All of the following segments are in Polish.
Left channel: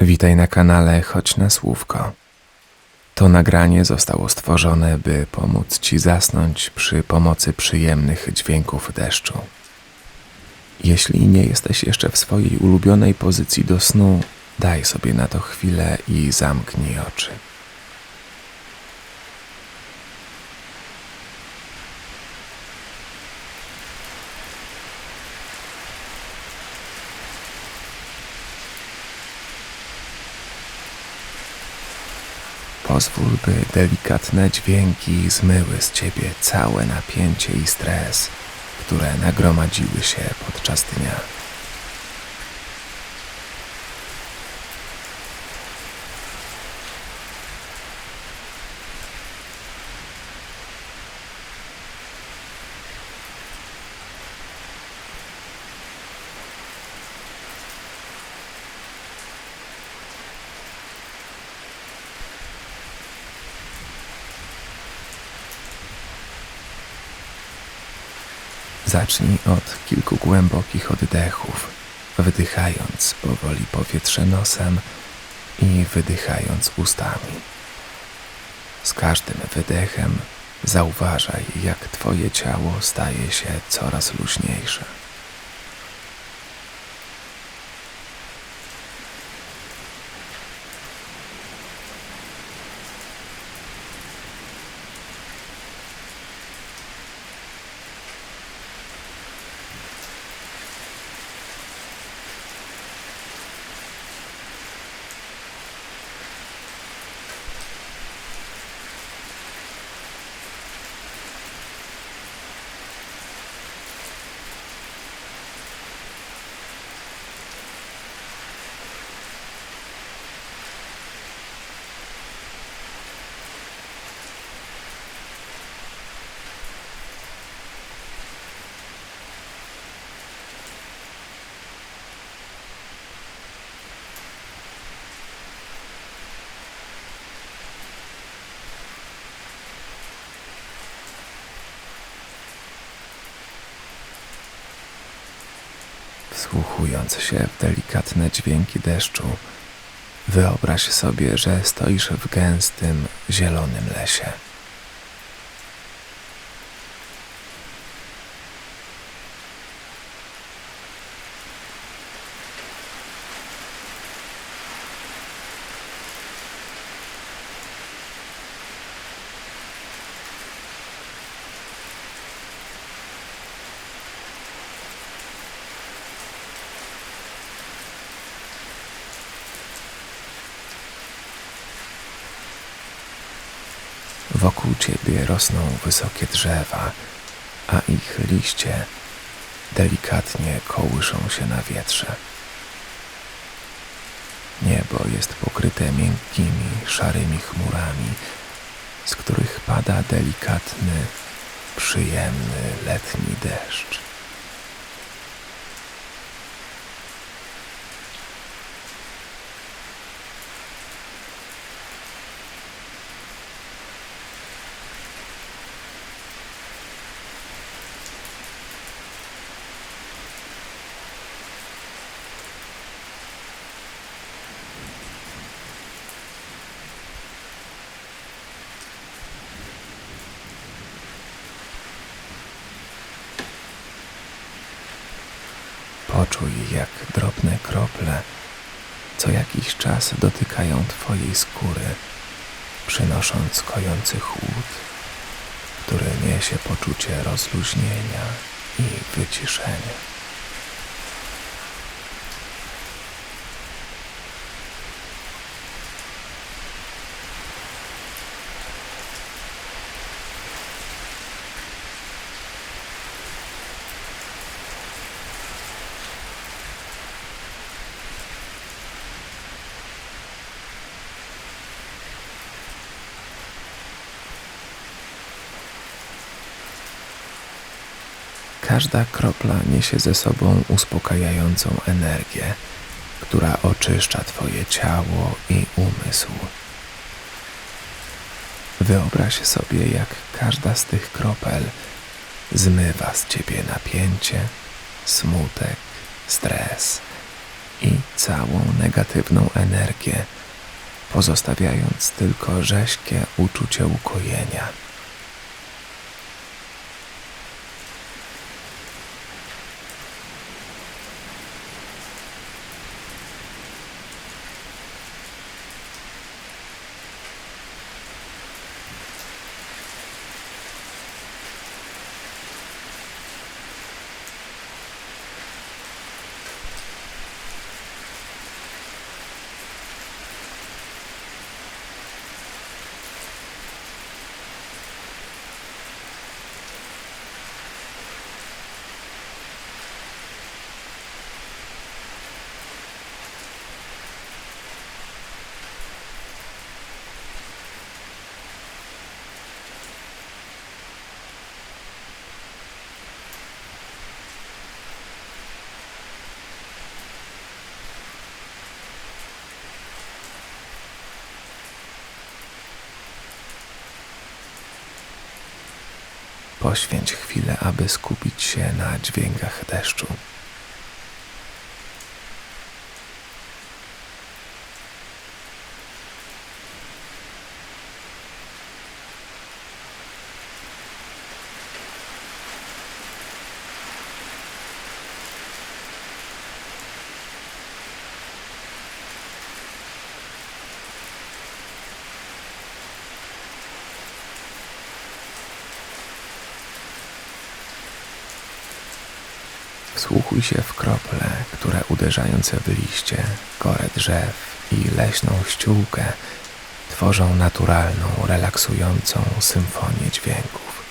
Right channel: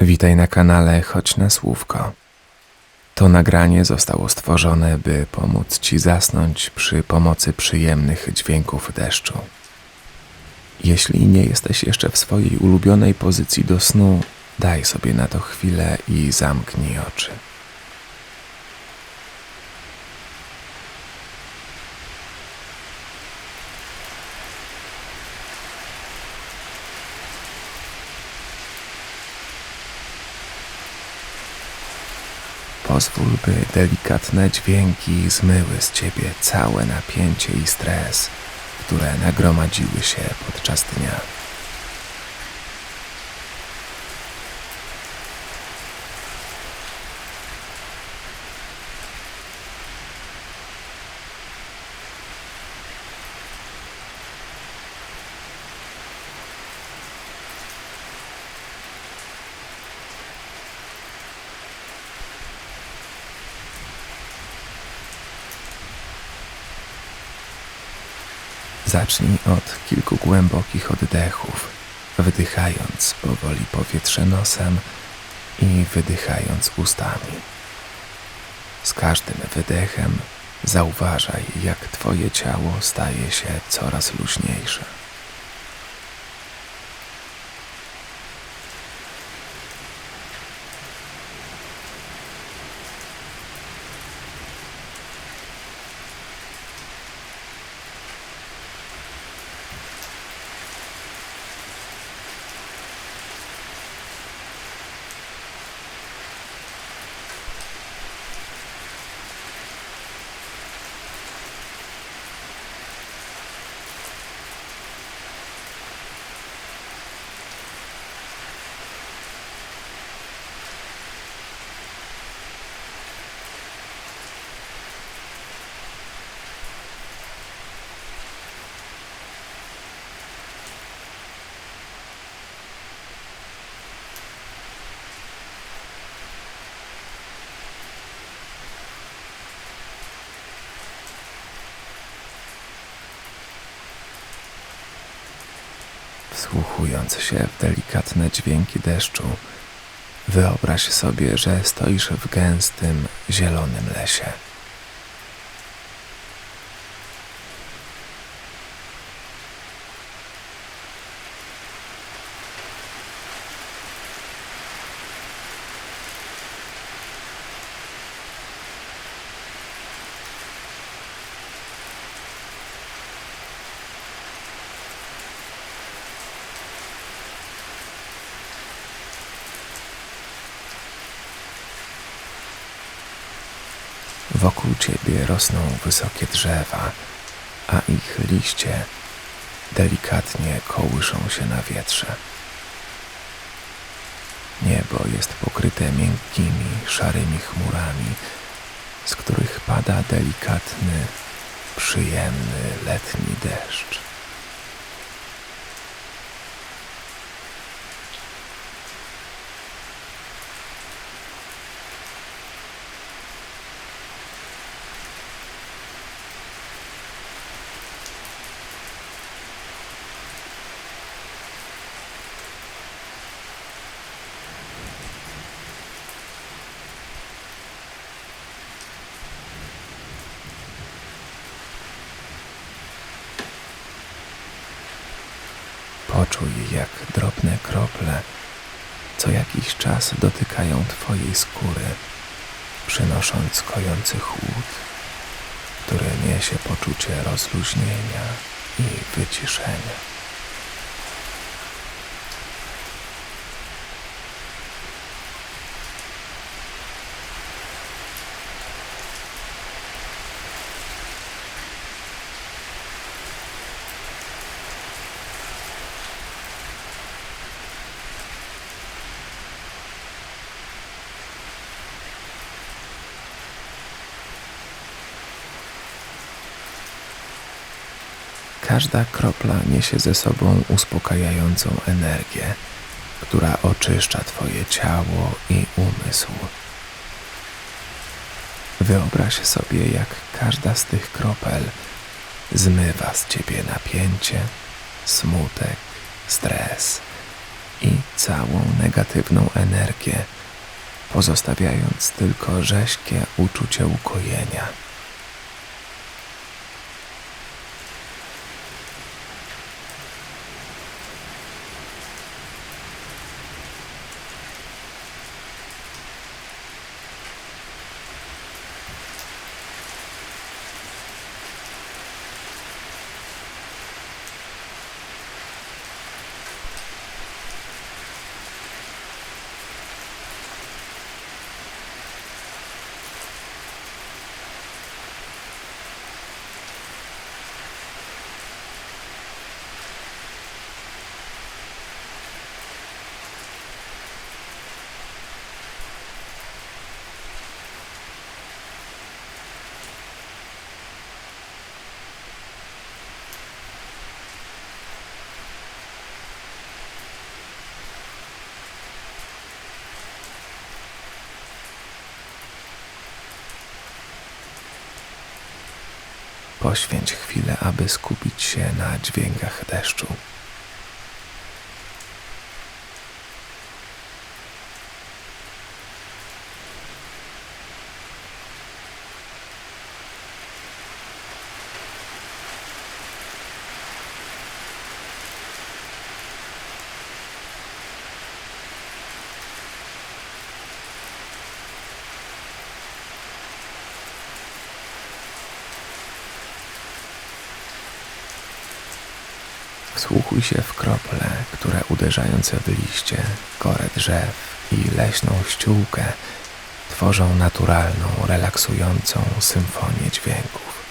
Witaj na kanale Chodź na Słówko. To nagranie zostało stworzone, by pomóc Ci zasnąć przy pomocy przyjemnych dźwięków deszczu. Jeśli nie jesteś jeszcze w swojej ulubionej pozycji do snu, daj sobie na to chwilę i zamknij oczy. Pozwól, by delikatne dźwięki zmyły z Ciebie całe napięcie i stres, które nagromadziły się podczas dnia. Zacznij od kilku głębokich oddechów, wdychając powoli powietrze nosem i wydychając ustami. Z każdym wydechem zauważaj, jak Twoje ciało staje się coraz luźniejsze. Wsłuchując się w delikatne dźwięki deszczu, wyobraź sobie, że stoisz w gęstym, zielonym lesie. Wokół Ciebie rosną wysokie drzewa, a ich liście delikatnie kołyszą się na wietrze. Niebo jest pokryte miękkimi, szarymi chmurami, z których pada delikatny, przyjemny letni deszcz. Poczuj, jak drobne krople co jakiś czas dotykają Twojej skóry, przynosząc kojący chłód, który niesie poczucie rozluźnienia i wyciszenia. Każda kropla niesie ze sobą uspokajającą energię, która oczyszcza Twoje ciało i umysł. Wyobraź sobie, jak każda z tych kropel zmywa z Ciebie napięcie, smutek, stres i całą negatywną energię, pozostawiając tylko rześkie uczucie ukojenia. Poświęć chwilę, aby skupić się na dźwiękach deszczu. Wsłuchuj się w krople, które uderzając w liście, korę drzew i leśną ściółkę tworzą naturalną, relaksującą symfonię dźwięków.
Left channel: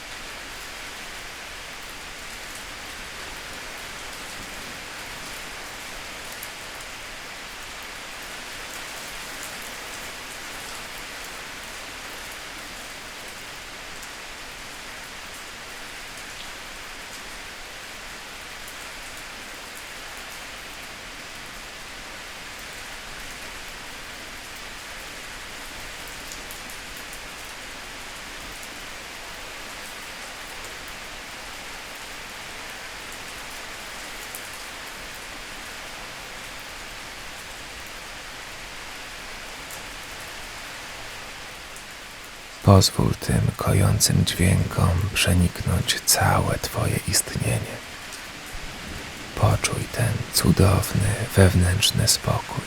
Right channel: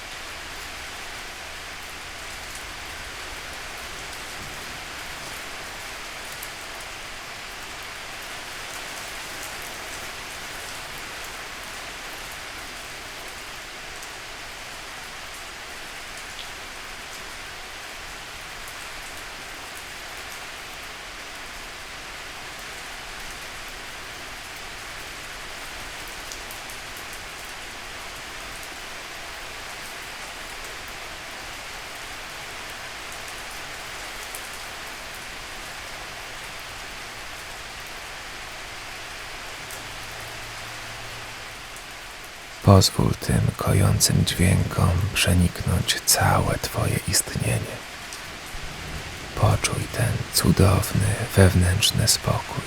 Pozwól tym kojącym dźwiękom przeniknąć całe Twoje istnienie. Poczuj ten cudowny, wewnętrzny spokój.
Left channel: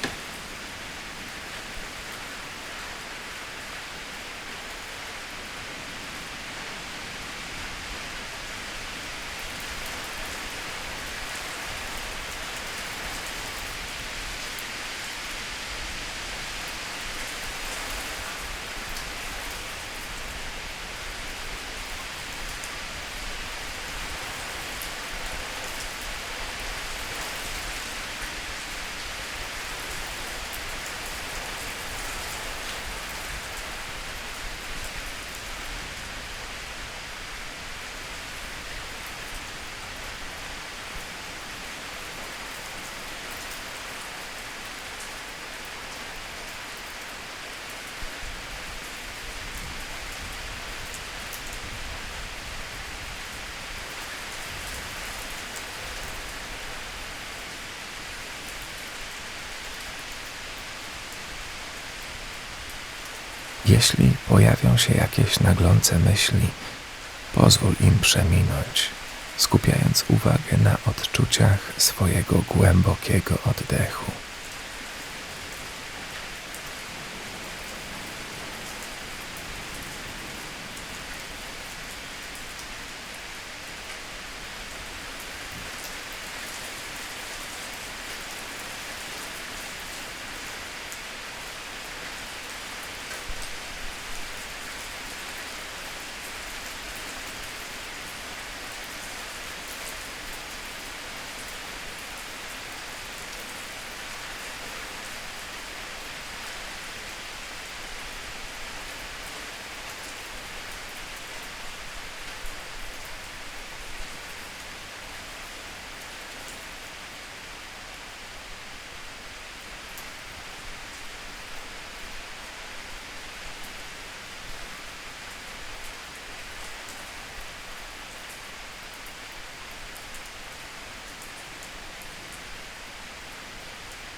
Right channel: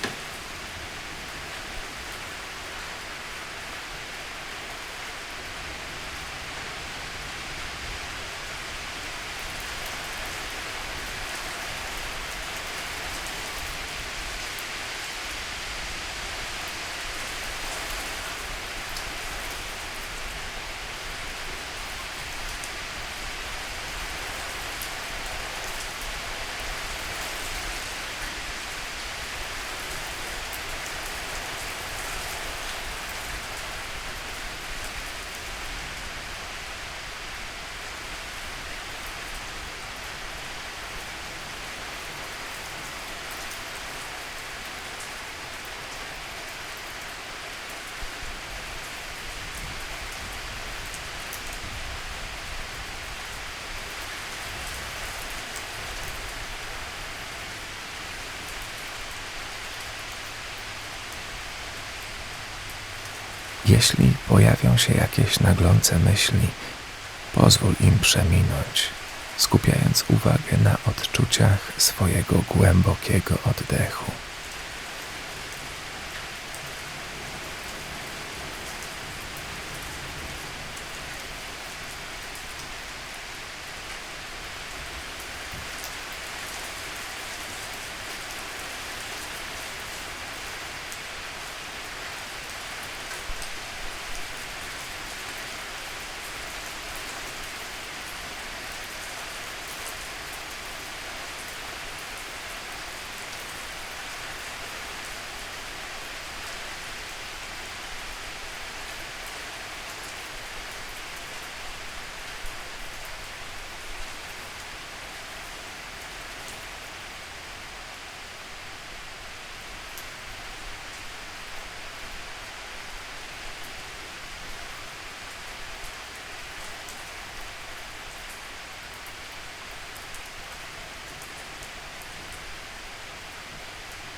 Jeśli pojawią się jakieś naglące myśli, pozwól im przeminąć, skupiając uwagę na odczuciach swojego głębokiego oddechu.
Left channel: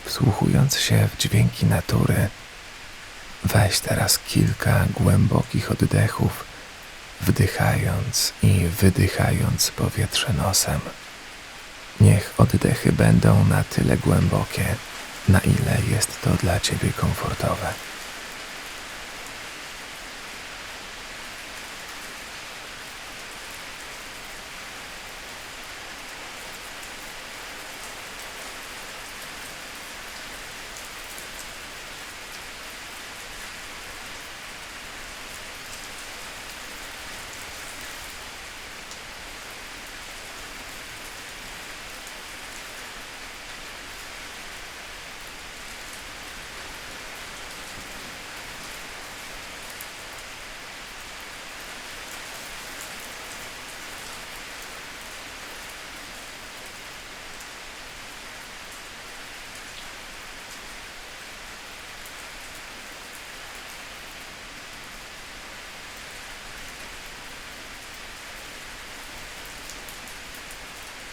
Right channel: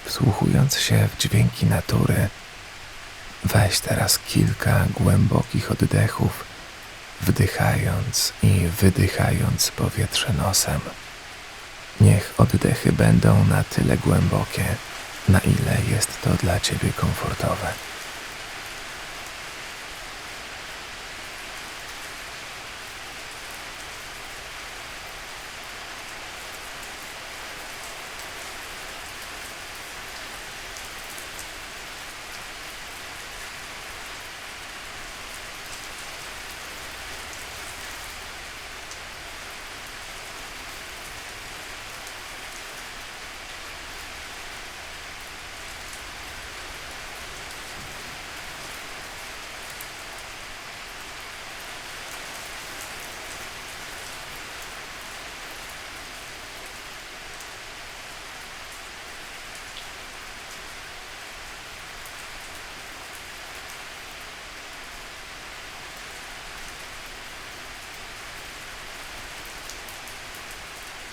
Wsłuchując się w dźwięki natury, weź teraz kilka głębokich oddechów, wdychając i wydychając powietrze nosem. Niech oddechy będą na tyle głębokie, na ile jest to dla ciebie komfortowe.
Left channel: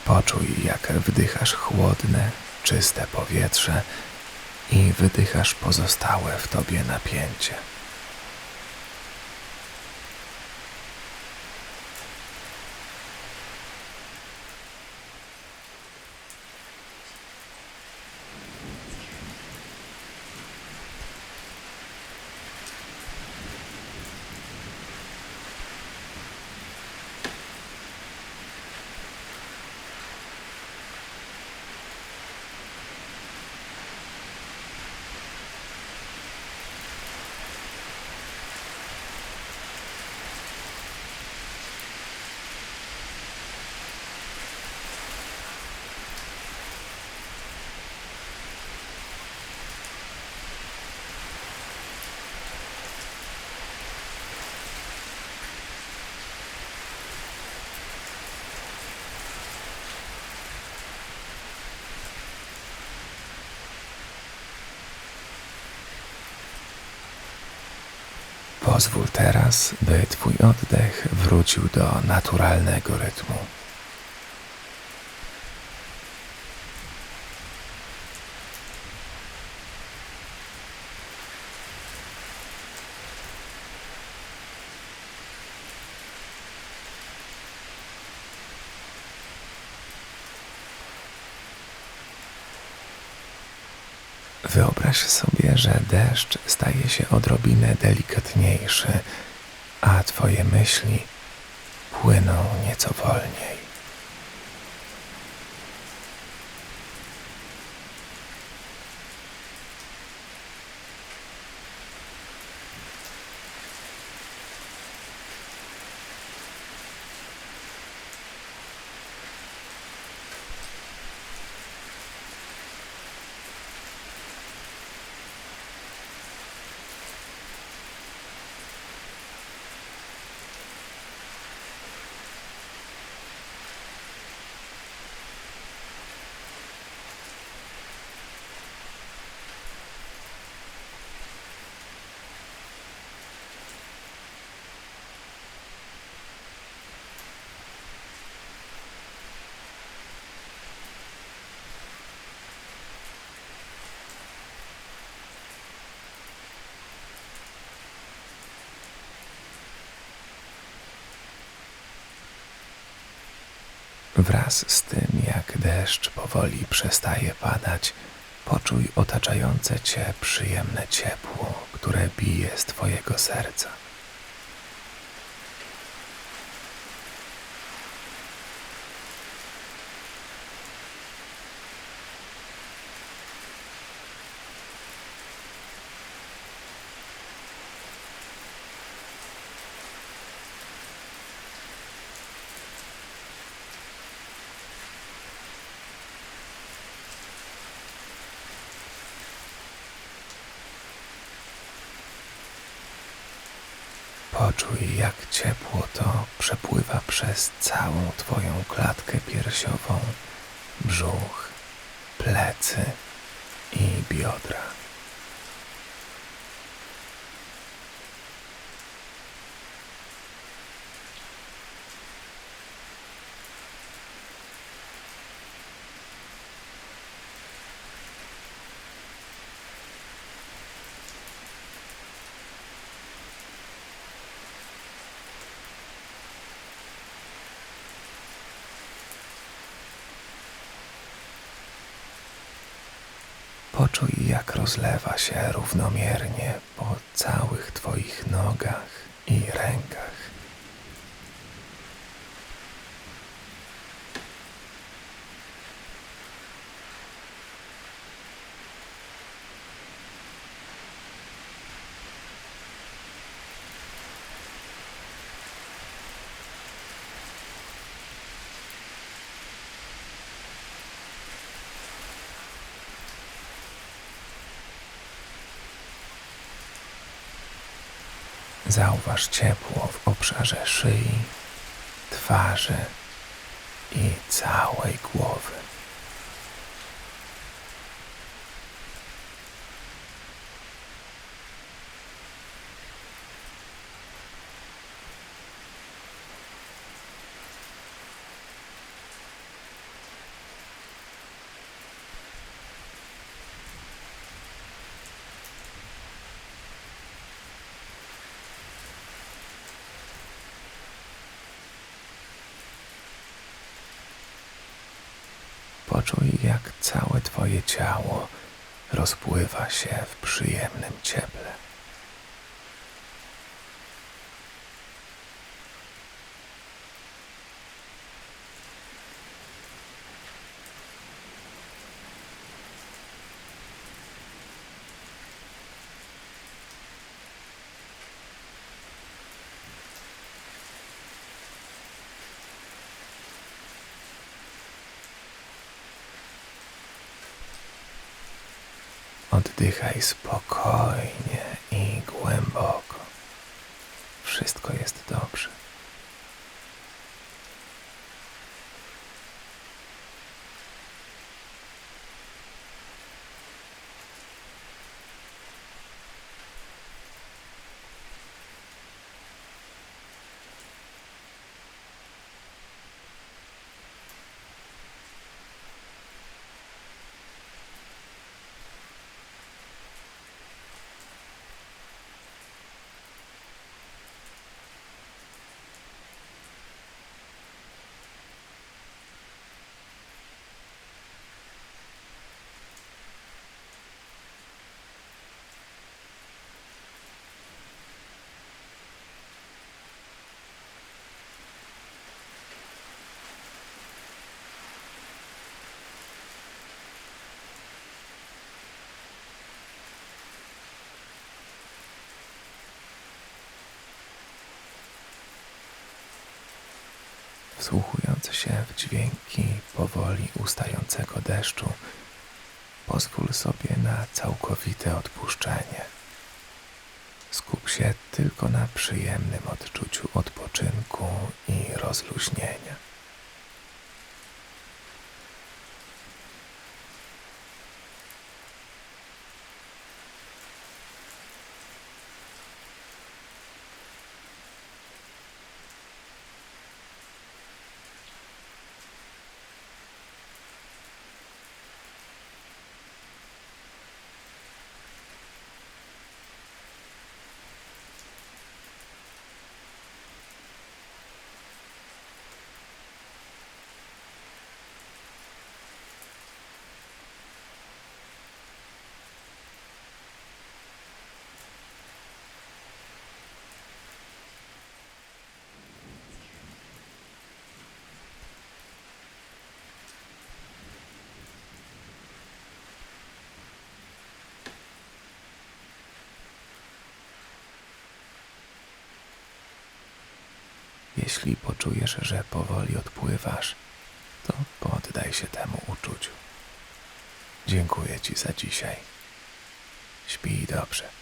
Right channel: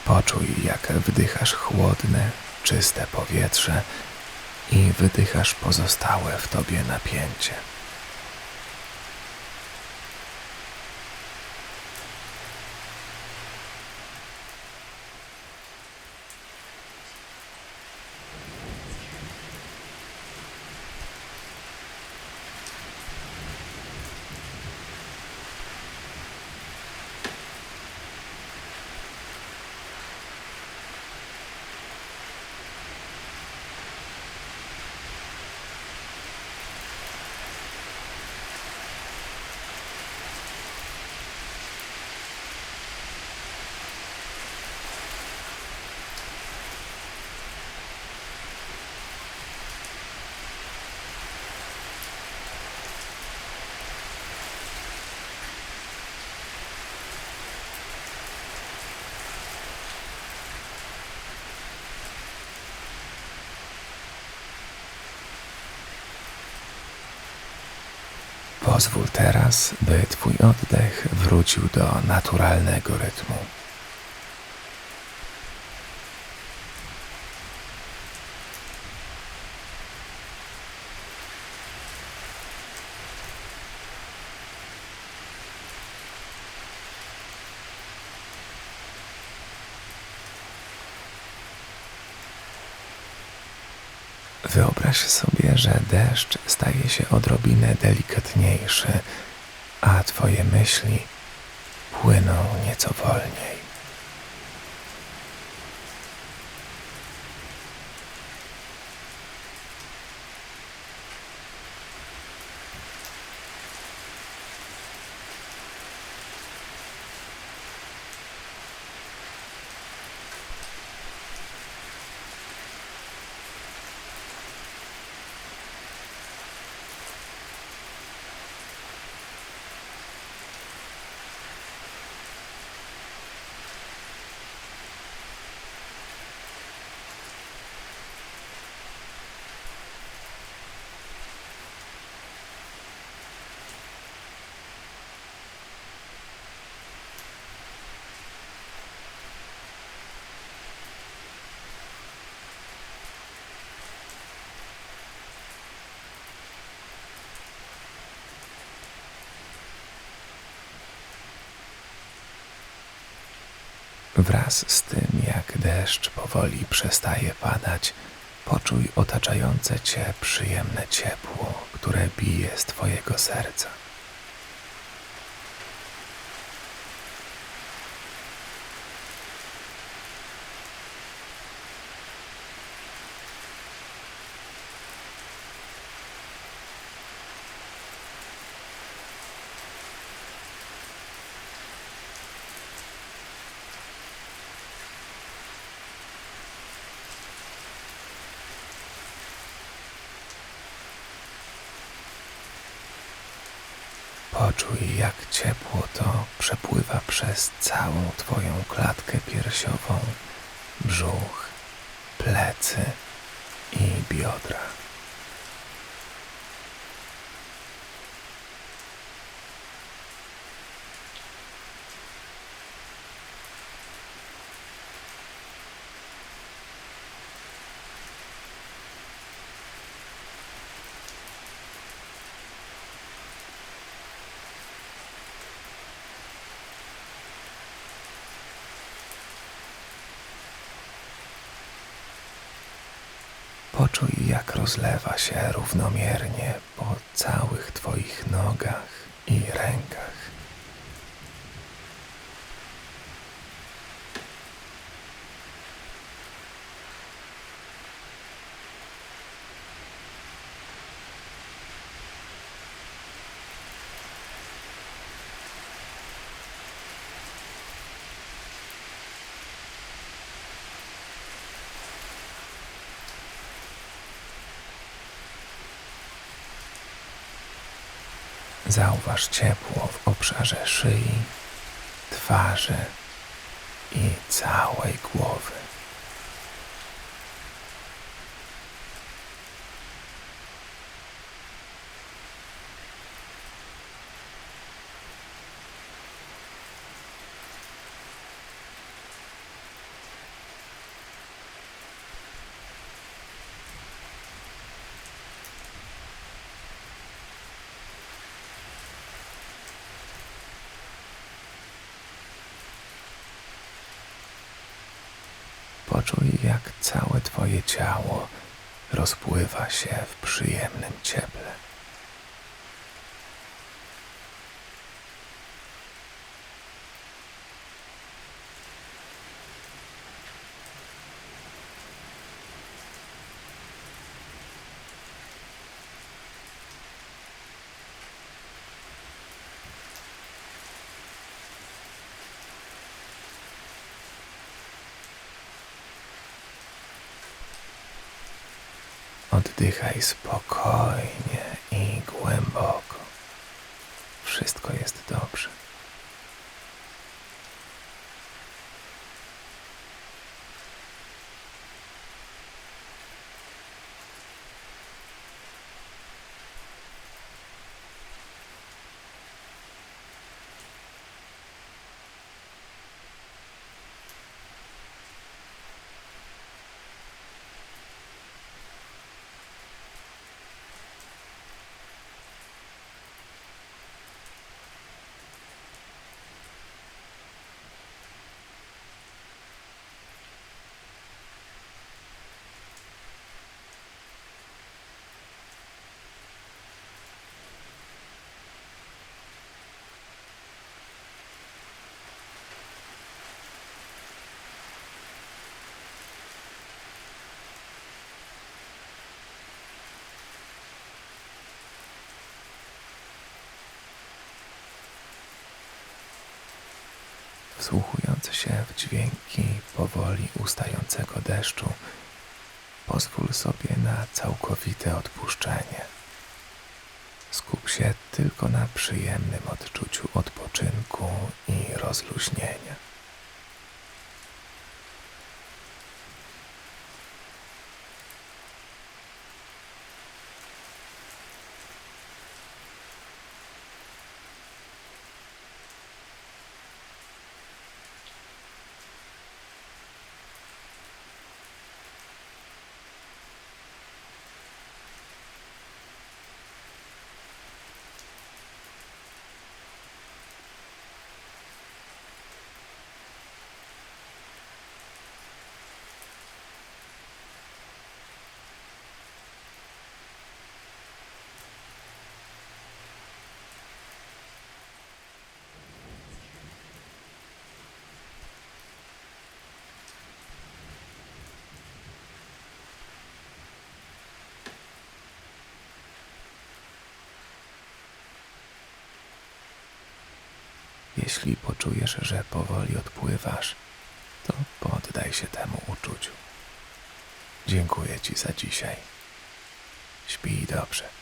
Poczuj, jak wdychasz chłodne, czyste powietrze i wydychasz pozostałe w tobie napięcie. Pozwól teraz, by twój oddech wrócił do naturalnego rytmu. Wyobraź sobie, że deszcz staje się odrobinę delikatniejszy, a twoje myśli płyną nieco wolniej. Wraz z tym, jak deszcz powoli przestaje padać, poczuj otaczające cię przyjemne ciepło, które bije z twojego serca. Poczuj, jak ciepło to przepływa przez całą twoją klatkę piersiową, brzuch, plecy i biodra. Poczuj, jak rozlewa się równomiernie po całych Twoich nogach i rękach. Zauważ ciepło w obszarze szyi, twarzy i całej głowy. Poczuj, jak całe Twoje ciało rozpływa się w przyjemnym cieple. Oddychaj spokojnie i głęboko. Wszystko jest dobrze. Wsłuchując się w dźwięki powoli ustającego deszczu, pozwól sobie na całkowite odpuszczenie. Skup się tylko na przyjemnym odczuciu odpoczynku i rozluźnienia. Jeśli poczujesz, że powoli odpływasz, to poddaj się temu uczuciu. Dziękuję Ci za dzisiaj. Śpij dobrze.